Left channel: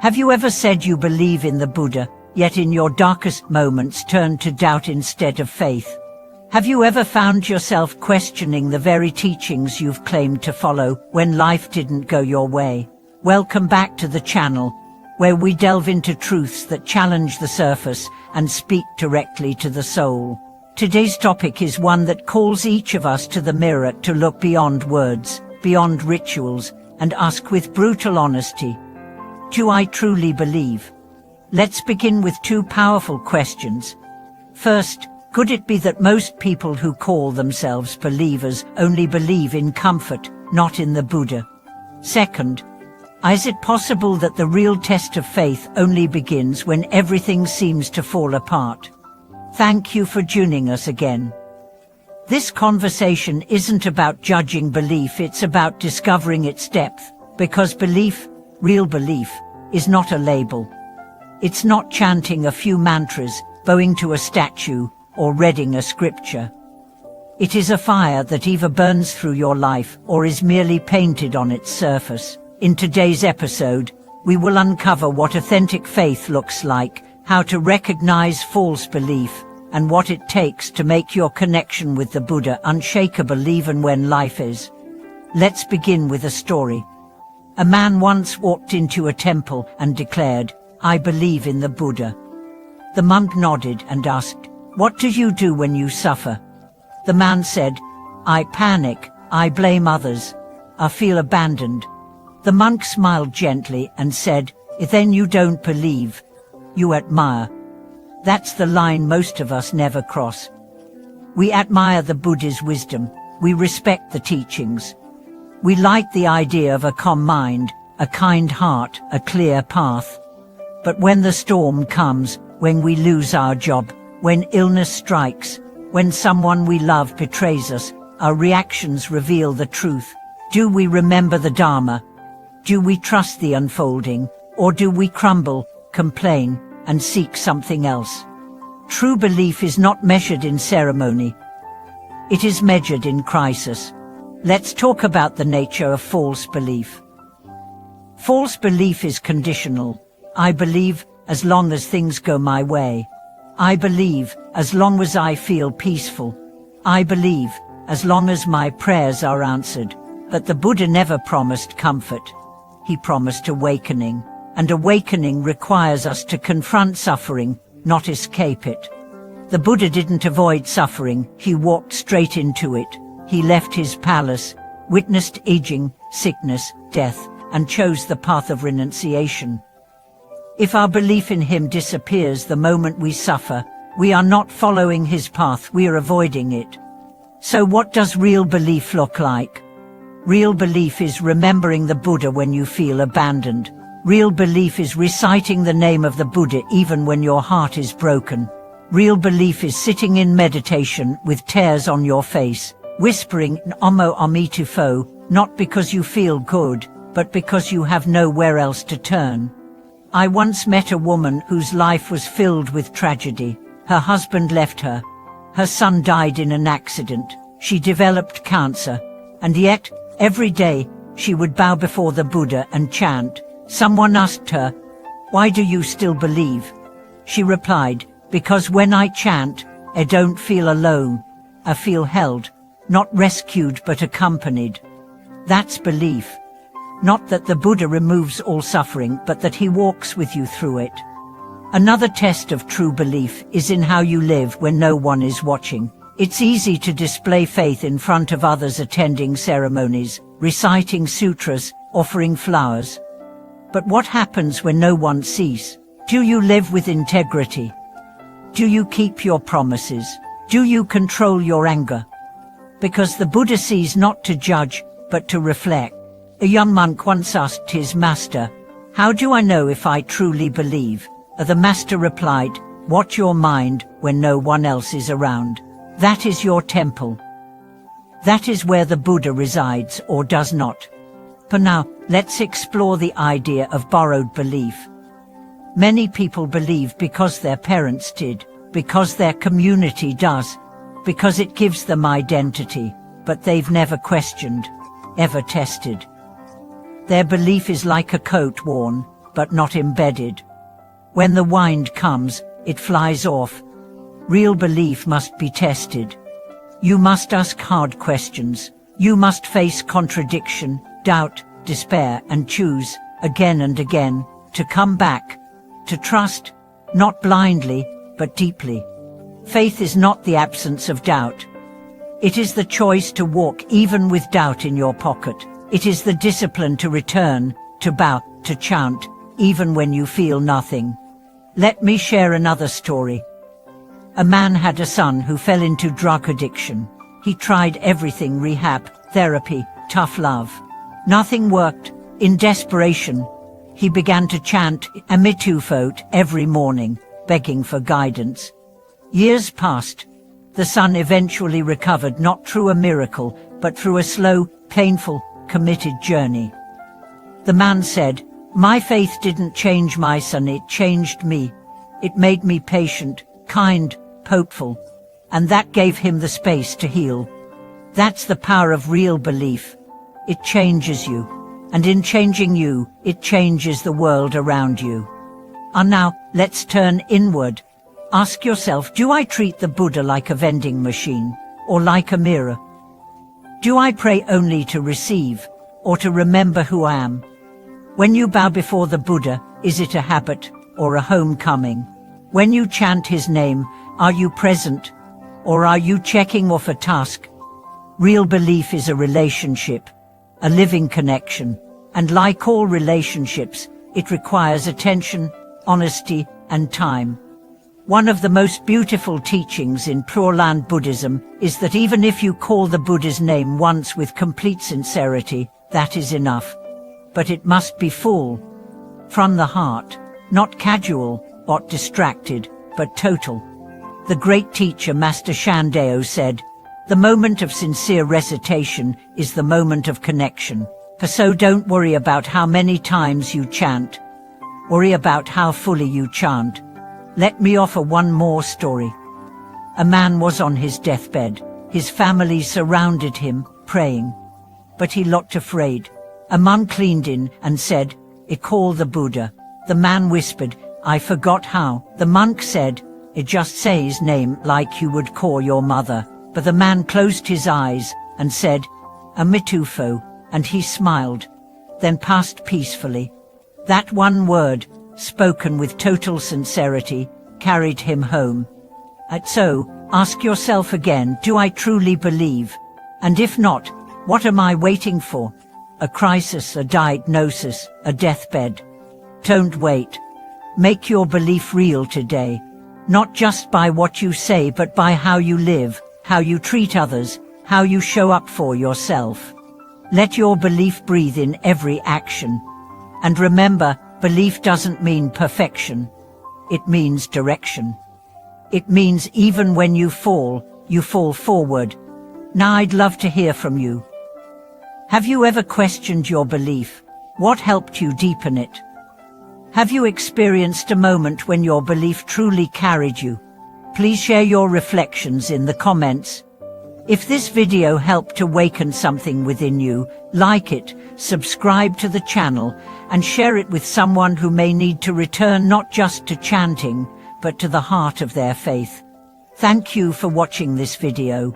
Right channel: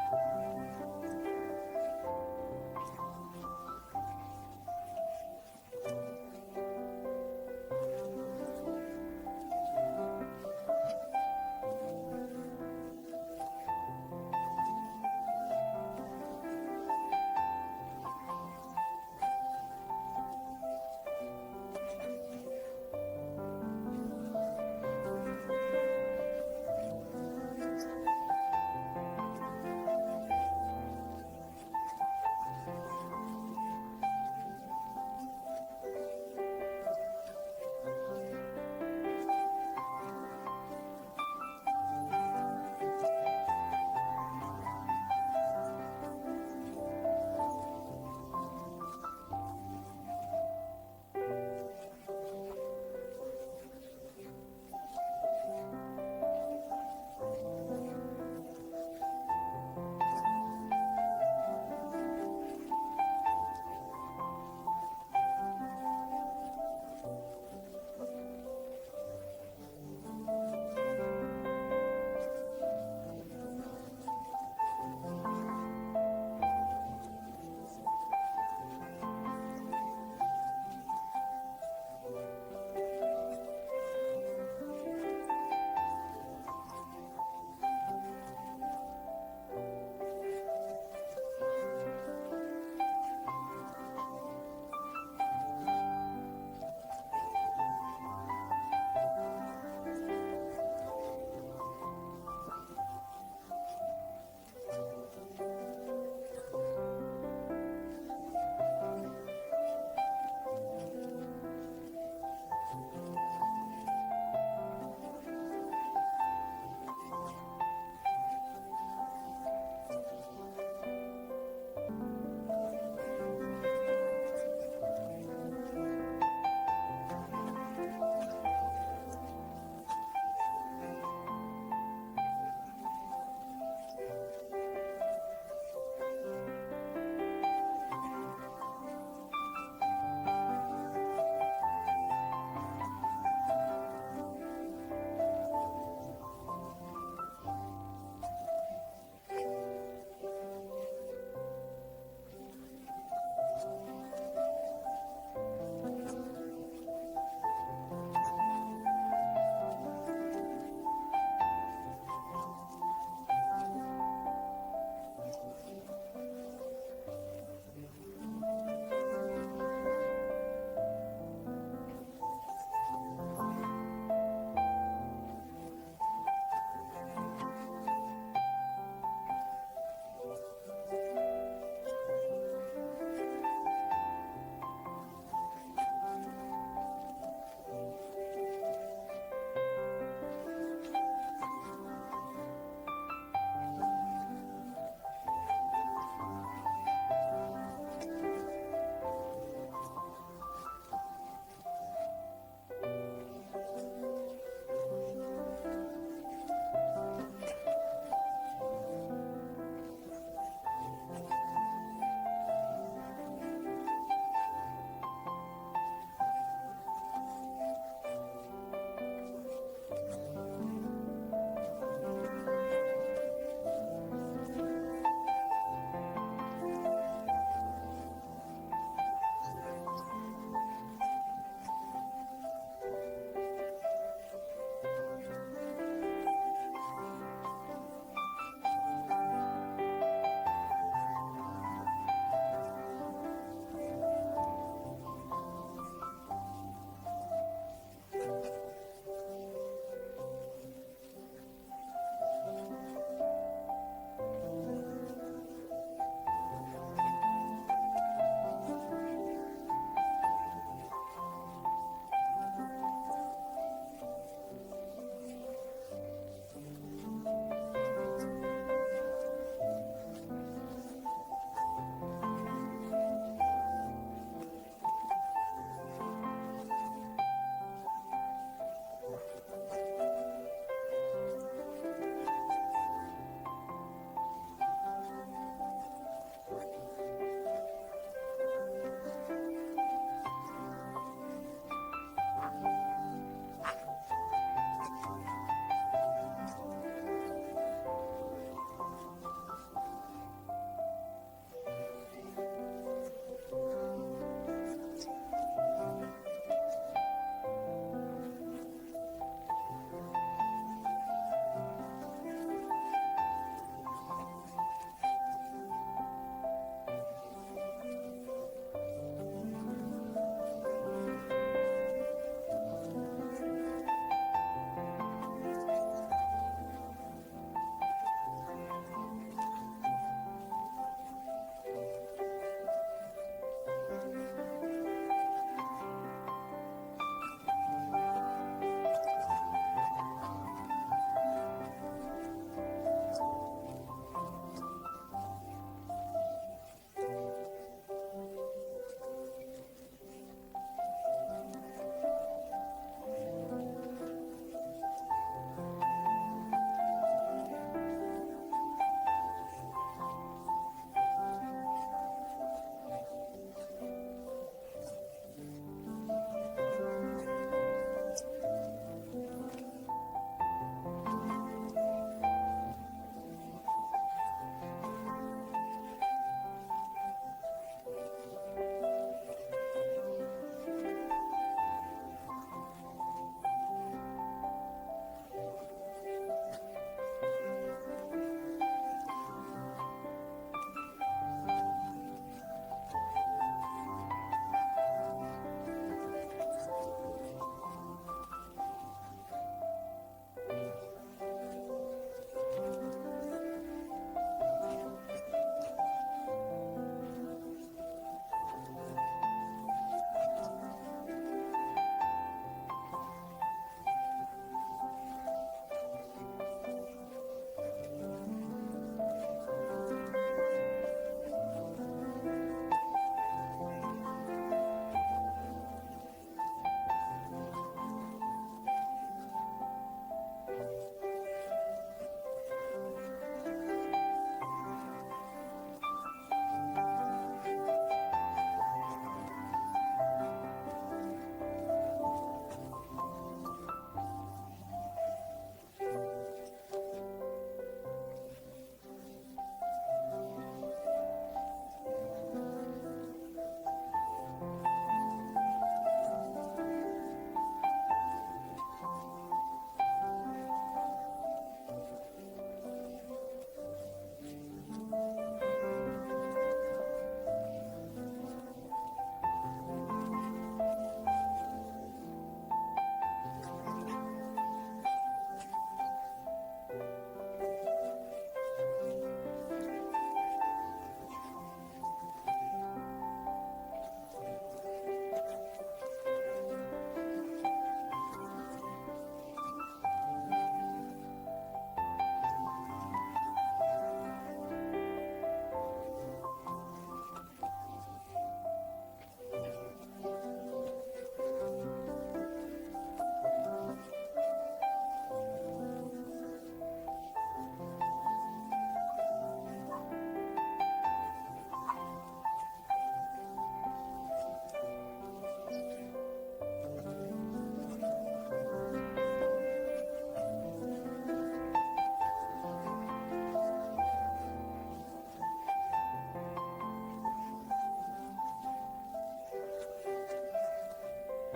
Have you ever said you believe in the Buddha, yet in your darkest moments turned to doubt instead of faith? Have you ever found yourself questioning the very teachings you've claimed to follow when life didn't go your way? Welcome back to the channel, where we delve into truths that challenge the surface and speak directly to the soul. Today's topic is one that calls each of us to the mirror to look beyond words, beyond rituals, and ask with brutal honesty, do I truly believe? Let's begin with two powerful questions. First, could it be that most people who call themselves believers only believe in comfort, not in the Buddha? Second, is it possible that the real test of faith only begins when everything seems to fall apart? Thank you for joining us again. This conversation isn't about judging belief, it's about discovering its depth, because belief, real belief, is not a label. It's not chanting a few mantras, bowing to a statue, or reading a scripture. It is a fire that either burns through your life or is merely painted on its surface. In today's episode, we will uncover what authentic faith looks like, how to recognize false belief, and what it takes to make your connection with the Buddha unshakable even when life is. Let's begin with a story. A man once walked into a temple and declared, "I believe in the Buddha." The monk nodded and asked, "What do you do when you suffer?" The man said, "I panic, I blame others, I feel abandoned." The monk smiled gently and said, "Then you don't believe, you admire." That's the line most of us never cross. We admire the Buddha's wisdom, we respect the teachings. We like the idea of a calm mind, a kind heart, a clear path. But when the storm comes, when we lose our job, when illness strikes, when someone we love betrays us, our reactions reveal the truth. Do we remember the Dharma? Do we trust the unfolding? Or do we crumble, complain, and seek something else? True belief is not measured in ceremony. It is measured in crisis. Let's talk about the nature of false belief. False belief is conditional. I believe as long as things go my way. I believe as long as I feel peaceful. I believe as long as my prayers are answered. But the Buddha never promised comfort. He promised awakening. And awakening requires us to confront suffering, not escape it. The Buddha didn't avoid suffering, he walked straight into it. He left his palace, witnessed aging, sickness, death, and chose the path of renunciation. If our belief in him disappears the moment we suffer, we are not following his path, we are avoiding it. So what does real belief look like? Real belief is remembering the Buddha when you feel abandoned. Real belief is reciting the name of the Buddha even when your heart is broken. Real belief is sitting in meditation with tears on your face, whispering Namo Amitufo, not because you feel good, but because you have nowhere else to turn. I once met a woman whose life was filled with tragedy. Her husband left her. Her son died in an accident. She developed cancer. And yet, every day, she would bow before the Buddha and chant. Someone asked her, "Why do you still believe?" She replied, "Because when I chant, I don't feel alone. I feel held. Not rescued but accompanied." That's belief. Not that the Buddha removes all suffering, but that he walks with you through it. Another test of true belief is in how you live when no one is watching. It's easy to display faith in front of others, attending ceremonies, reciting sutras, offering flowers. But what happens when no one sees? Do you live with integrity? Do you keep your promises? Do you control your anger? Because the Buddha sees not to judge, but to reflect. A young monk once asked his master, "How do I know if I truly believe?" The master replied, "Watch your mind when no one else is around. That is your temple. That is where the Buddha resides or does not." But now, let's explore the idea of borrowed belief. Many people believe because their parents did, because their community does, because it gives them identity, but they've never questioned, ever tested. Their belief is like a coat worn, but not embedded. When the wind comes, it flies off. Real belief must be tested. You must ask hard questions. You must face contradiction, doubt, despair, and choose, again and again, to come back, to trust, not blindly, but deeply. Faith is not the absence of doubt. It is the choice to walk even with doubt in your pocket. It is the discipline to return, to bow, to chant, even when you feel nothing. Let me share another story. A man had a son who fell into drug addiction. He tried everything: rehab, therapy, tough love. Nothing worked. In desperation, he began to chant Amitufo every morning, begging for guidance. Years passed. The son eventually recovered, not through a miracle, but through a slow, painful, committed journey. The man said, "My faith didn't change my son, it changed me. It made me patient, kind, hopeful, and that gave him the space to heal." That's the power of real belief. It changes you, and in changing you, it changes the world around you. And now, let's turn inward. Ask yourself, do I treat the Buddha like a vending machine, or like a mirror? Do I pray only to receive, or to remember who I am? When you bow before the Buddha, is it a habit, or a homecoming? When you chant his name, are you present, or are you checking off a task? Real belief is a relationship, a living connection, and like all relationships, it requires attention, honesty, and time. One of the most beautiful teachings in Pure Land Buddhism is that even if you call the Buddha's name once with complete sincerity, that is enough. But it must be full, from the heart, not casual, not distracted, but total. The great teacher Master Shandeo said, "The moment of sincere recitation is the moment of connection." So don't worry about how many times you chant. Worry about how fully you chant. Let me offer one more story. A man was on his deathbed. His family surrounded him, praying. But he looked afraid. A monk leaned in and said, "Call the Buddha." The man whispered, "I forgot how." The monk said, "Just say his name like you would call your mother." But the man closed his eyes and said, "Amitufo," and he smiled, then passed peacefully. That one word, spoken with total sincerity, carried him home. And so, ask yourself again, do I truly believe? And if not, what am I waiting for? A crisis, a diagnosis, a deathbed? Don't wait. Make your belief real today, not just by what you say, but by how you live, how you treat others, how you show up for yourself. Let your belief breathe in every action. And remember, belief doesn't mean perfection. It means direction. It means even when you fall forward. Now I'd love to hear from you. Have you ever questioned your belief? What helped you deepen it? Have you experienced a moment when your belief truly carried you? Please share your reflections in the comments. If this video helped awaken something within you, like it, subscribe to the channel, and share it with someone who may need to return not just to chanting, but to the heart of their faith. Thank you for watching this video.